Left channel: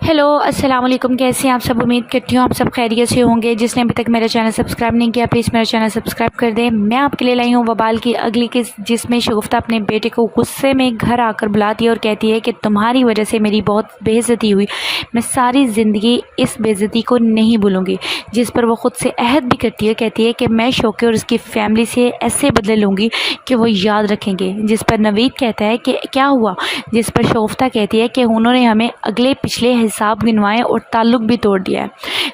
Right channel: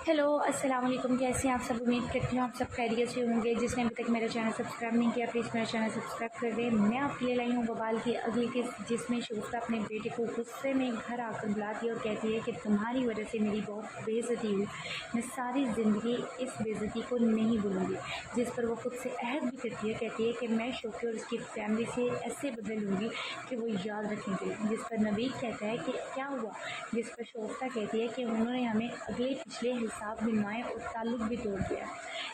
Hello अस्सलाम वालेकुम। कैसे हैं आप सब? उम्मीद करती हूँ आप सब खैरियत से होंगे। जिसने अभी तक मेरा चैनल सब्सक्राइब नहीं किया प्लीज़ मेरा चैनल सब्सक्राइब कर दें। मैं आपके लिए लाई हूँ वबाल की अगली किस्त, जिसमें शगुफ्ता अपने बेटे को गुस्से में घर आकर बुलाती है और कहती है कि तुम्हारी वजह से मेरी बहुत बेइज्जती हुई, मैं सारी ज़िंदगी इस बेइज्जती को नहीं भूलूँगी। जिस पर वो ख़ुद से अहद भी करती है, कहती है कि मैं शौके और उसकी फैमिली से ऐसे बदले लूँगी कि वो याद रखेंगे। जिस पर नवीद कहता है कि क्या हुआ, जिस पर शगुफ्ता कहती है कि उन्होंने हमें अगले पिछले हिसाब गिनवाए और ताल्लुक़ भी तोड़ दिया है।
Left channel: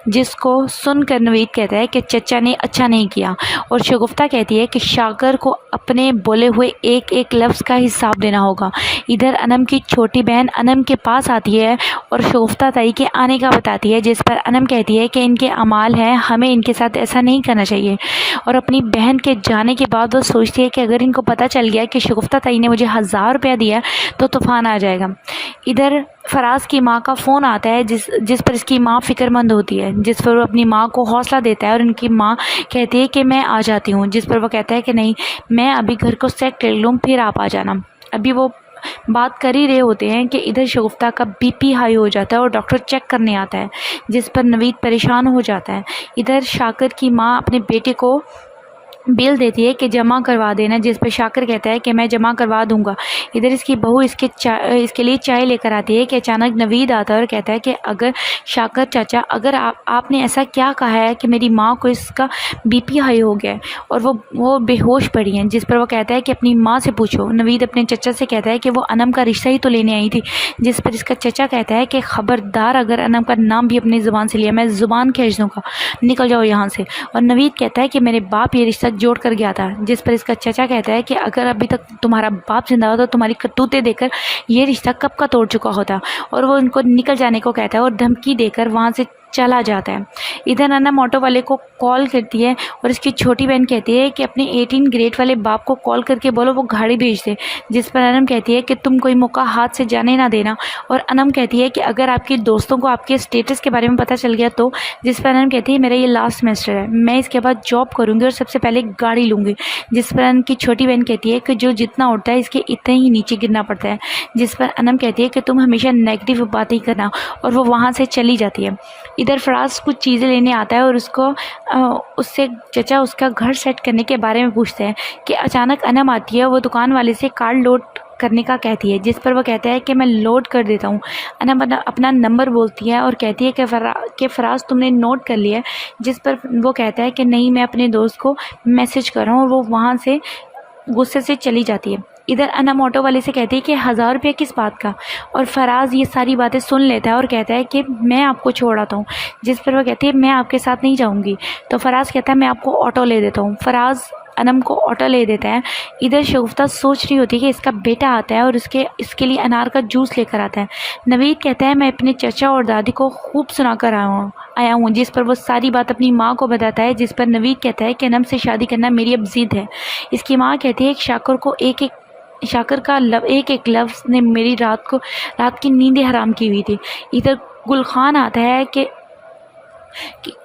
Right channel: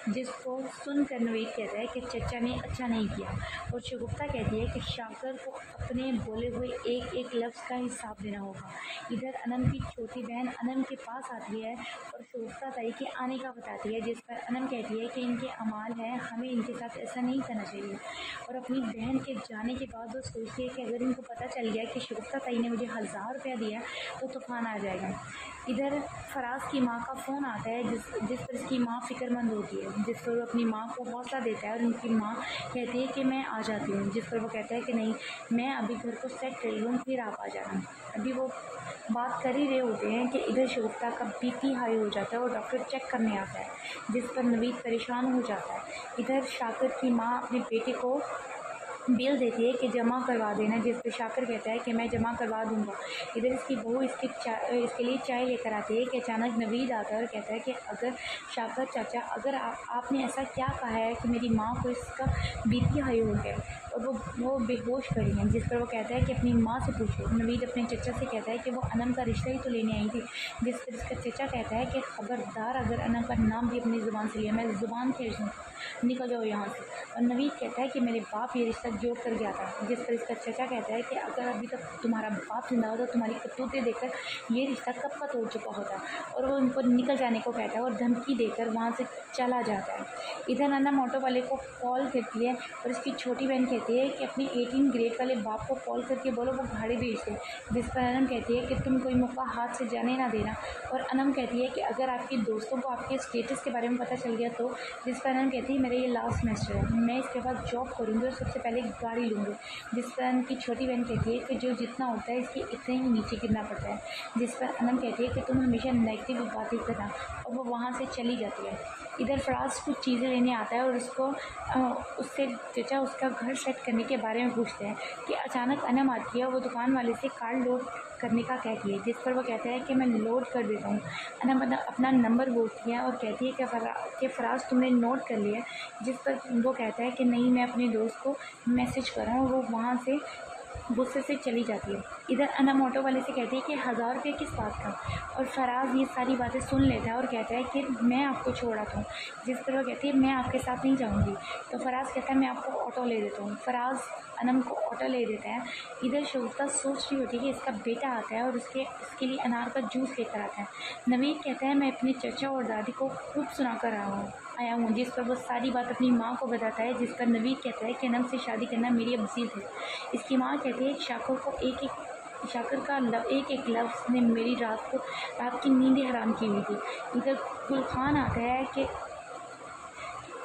जिसको सुनकर नवीद कहता है कि चचा ने अच्छा नहीं किया और शगुफ्ता कहती है कि शाकर को अपने बोले हुए एक एक लफ्ज़ का हिसाब देना होगा। इधर अनम की छोटी बहन अनम के पास आती है और शगुफ्ता ताई के आने का बताती है। जिस पर अनम कहती है कि इनके अमाल हैं, हमें इनके साथ ऐसा नहीं करना चाहिए। और अपनी बहन के जाने के बाद वो सोचती है कि अगर इनको पता चल गया कि शगुफ्ता ताई ने मुझे 1000 रुपया दिया तो तूफ़ान आ जाएगा। इधर फराज की माँ का फ़ोन आता है जिस पर इसकी माँ फ़िक्रमंद होती है। जिस पर वो अपनी माँ को हौसला देता है और उनकी माँ कहती है कि मैं आ जाती हूँ। जिस पर वो कहता है कि नहीं, मैं अभी घर को सेट कर लूँ फिर आप आ जाना। अभी वो बात कर ही रहे होते हैं कि इधर शगुफ्ता का बीपी हाई हो जाता है और डॉक्टर चेक करने आता है। जिस पर नवीद परेशान हो जाता है। इधर शाकर की माँ अपने बेटे को बिल देती है कि जमा करवा देना। जिस पर शाकर कहता है कि मैं जमा करवा दूंगा। इधर इसकी बहू इसके लिए चाय लेकर आती है कि अचानक नवीद आता है और कहता है कि अगर शाकर चाचा, अगर आपने ऐसा क्या कहा है कि मेरी माँ को इसका बीपी हाई हो गया है और वो बेहोश पड़ी हैं। जिस पर वो कहता है कि अपनी माँ से पूछो। नवीद अपने चचा से कहता है कि वो अनम का रिश्ता ही तो लेने आई थी। जिस पर इसका चचा कहता है कि ख़बरदार, अगर अनम का नाम भी अपनी ज़ुबान से लिया मैं ज़ुबान खींच दूँगा, निकल जाओ यहाँ से। और नवीद कहता है कि मेरे बाप ये रिश्ता जोड़ कर गया था। जिस पर इसका चचा कहता है कि अगर अभी तक तुम्हारा बाप जिंदा होता तो तुम्हारी करतूतें देकर ये रिश्ता कब का तोड़ चुका होता। और वो उनको निकल जाने को कहता है और धमकी देकर वहाँ से चला जाता है। इधर अनम ऑटो वाले को कॉल करती है और इसकी छोटी बहन कहती है कि अपने 18 ग्रेड वाले बाप को कॉल करके बोलो वो गाड़ी भेज दे। जिस पर अनम कहती है कि तुम कोई मौका हाथ से जाने ना देना। और अनम कहती है कि अगर आपके दोस्तों को आपके स्टेटस के बारे में पता चल गया तो। जिस पर अनम कहती है मेरा ये लास्ट सेमेस्टर है, मैं इसके बाद जॉब करूँगी और सबसे पहले गाड़ी लूँगी। जिस पर अनम की छोटी बहन कहती है कि जो जितना उठता है इसके इतना ही नीचे गिरना पड़ता है। जिस पर अनम कहती है कि तुम हमेशा नेगेटिव बात ही करना, और वो वहाँ से चली जाती है। इधर फराज कुछ चीज़ें लेने आता है और उससे चचा उसका घर सेट करने के बारे में पूछते हैं कि अचानक अनम आती है। वो दुकान वाले से कार्ड लोड करने का कहती है। जिस पर वो कहता है कि मैं लोड कर देता हूँ। अनम अपना नंबर बोलती है और कहती है कि फराज तुमने नोट कर लिया है। जिस पर वो कहता है कि नहीं, मैं अपने दोस्त को मैसेज कर रहा हूँ। और वो वहाँ से गुस्से से चली जाती है। इधर अनम ऑटो वाले से कहती है कि 1000 रुपये किस बात का। और फराज ये सारी बातें सुन लेता है और कहता है कि मैं आपको छोड़ आता हूँ। जिस पर वह कहती है मैं आपके साथ नहीं जाऊँगी। तो फराज कहता है मैं आपको ऑटो ले देता हूँ। फराज अनम को ऑटो ले देता है। इधर शगुफ्ता सोच रही होती है कि इसका बेटा आता है और इसके लिए अनार का जूस लेकर आता है। नवीद कहता है मैं अपने चचा और दादी को खूब सुना कर आया हूँ। जिस पर वो सारी बात अपनी माँ को बताता है। जिस पर नवीद कहता है कि अनम से शादी करना मेरी अब जिद है। इसकी माँ कहती है कि शाकर का एक एक लफ्ज़ ने मेरी रात की नींदें हराम की हुई थी। इधर गुलखान आता है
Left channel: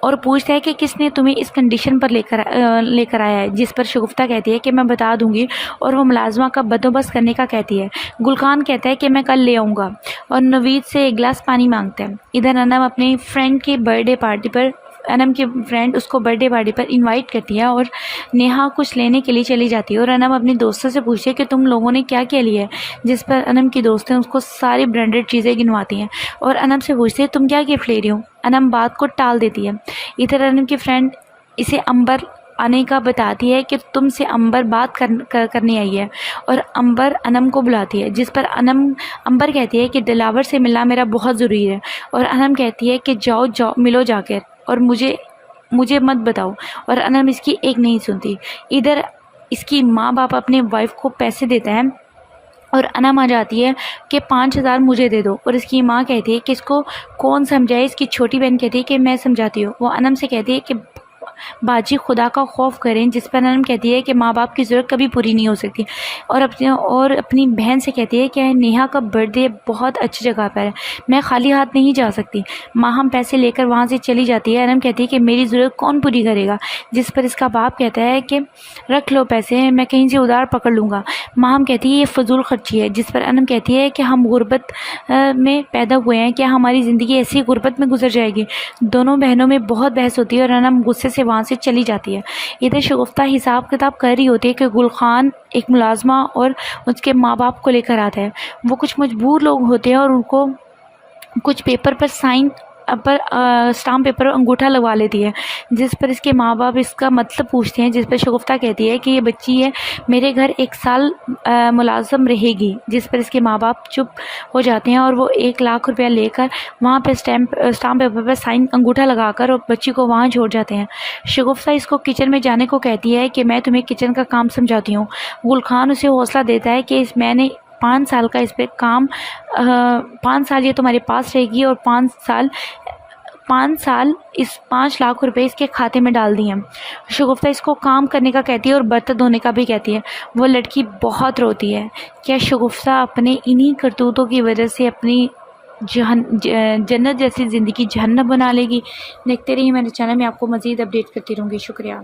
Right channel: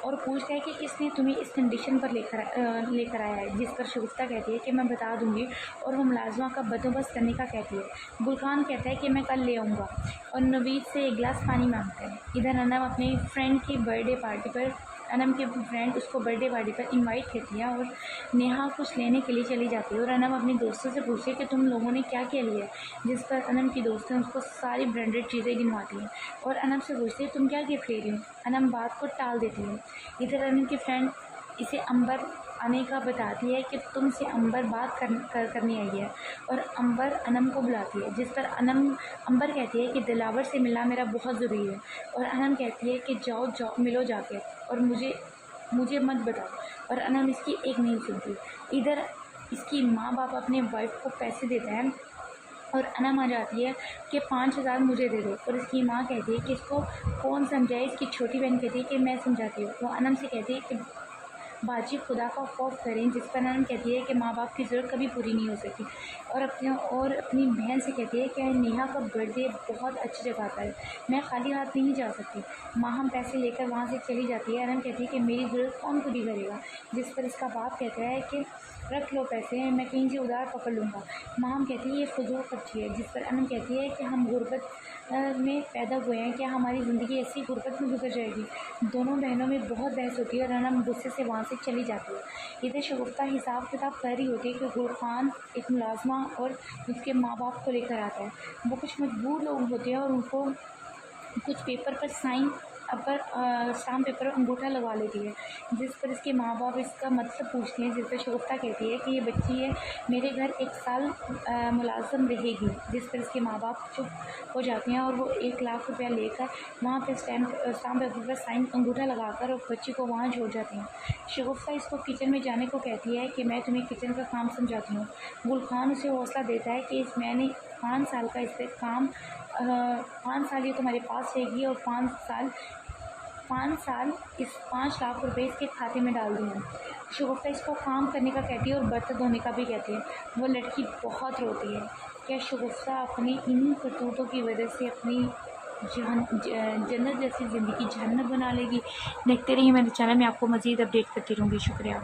और पूछता है कि किसने तुम्हें इस कंडीशन पर लेकर आया है। जिस पर शगुफ्ता कहती है कि मैं बता दूंगी, और वो मुलाजमा का बंदोबस्त करने का कहती है। गुलखान कहता है कि मैं कल ले आऊँगा और नवीद से एक गिलास पानी मांगता है। इधर अनम अपनी फ्रेंड की बर्थडे पार्टी पर अनम की फ्रेंड उसको बर्थडे पार्टी पर इनवाइट करती है और नेहा कुछ लेने के लिए चली जाती है। और अनम अपनी दोस्तों से पूछती है कि तुम लोगों ने क्या क्या लिया है। जिस पर अनम की दोस्तें उसको सारी ब्रांडेड चीज़ें गिनवाती हैं और अनम से पूछती है तुम क्या गिफ्ट ले रही हो। अनम बात को टाल देती है। इधर अनम की फ्रेंड इसे अंबर आने का बताती है कि तुमसे अंबर बात करनी आई है। और अंबर अनम को बुलाती है। जिस पर अंबर कहती है कि दिलावर से मिलना मेरा बहुत ज़रूरी है। और अनम कहती है कि जाओ मिलो जाकर, और मुझे मत बताओ। और अनम इसकी एक नहीं सुनती। इधर इसकी माँ बाप अपने वाइफ को पैसे देते हैं और अनम आ जाती है कि 5000 मुझे दे दो। और इसकी माँ कहती है कि इसको कौन समझाए। इसकी छोटी बहन कहती है कि मैं समझाती हूँ। वो अनम से कहती है कि बाजी खुदा का खौफ करें, जिस पर अनम कहती है कि माँ बाप की ज़रूरत कभी पूरी नहीं हो सकती, और अपनी बहन से कहती है कि नेहा का बर्थडे बहुत अच्छी जगह पर है, मैं खाली हाथ नहीं जा सकती। माँ हम पैसे लेकर वहाँ से चली जाती है। अनम कहती है कि मेरी ज़रूरत कौन पूरी करेगा, जिस पर इसका बाप कहता है कि रख लो पैसे, मैं कहीं से उधार पकड़ लूँगा। माँ हम कहती है ये फजूल खर्ची है, जिस पर अनम कहती है कि हम गुर्बत में पैदा हुए हैं, क्या हमारी ज़िंदगी ऐसी गुर्बत में गुजर जाएगी। दोनों बहनों में बहुत बहस होती है और अनम गुस्से से वहाँ से चली जाती है। इधर शगुफ्ता हिसाब किताब कर रही होती है कि गुल खान एक मुलाजमा और उसके माँ बाप को लेकर आता है। वो कुछ मजबूर लोग होते हैं और उनको कुछ पेपर पर साइन पर स्टाम्प पेपर और अंगूठा लगवा लेती है, जिस पर इसके माँ बाप इसका मतलब पूछते हैं, जिस पर शगुफ्ता कहती है कि ये बच्ची है, मेरे घर 1 साल मुलाजम रहेगी। जिस पर इसके माँ बाप चुप हो जाते हैं और वो 1 लाख रुपया लेकर वहाँ पर स्टाम्प पेपर पर साइन अंगूठा लगाकर और बच्ची को वहाँ छोड़ जाते हैं। शगुफ्ता इसको किचन में जाने को कहती है कि मैं तुम्हें किचन का काम समझाती हूँ। गुल खान उसे हौसला देता है कि मैंने 5 साल का इस पर काम 5 साल ये तुम्हारे पास रहेगी और 5 साल इस 5 लाख रुपए इसके खाते में डाल दिए। शगुफ्ता इसको काम करने का कहती है और बर्तन धोने का भी कहती है। वो लड़की बहुत रोती है। क्या शगुफ्ता अपने इन्हीं करतूतों की वजह से अपनी जन्नत जैसी ज़िंदगी जहन्नम बना लेगी? देखते रहिए मेरे चैनल में, आपको मज़ीद अपडेट करती रहूँगी। शुक्रिया।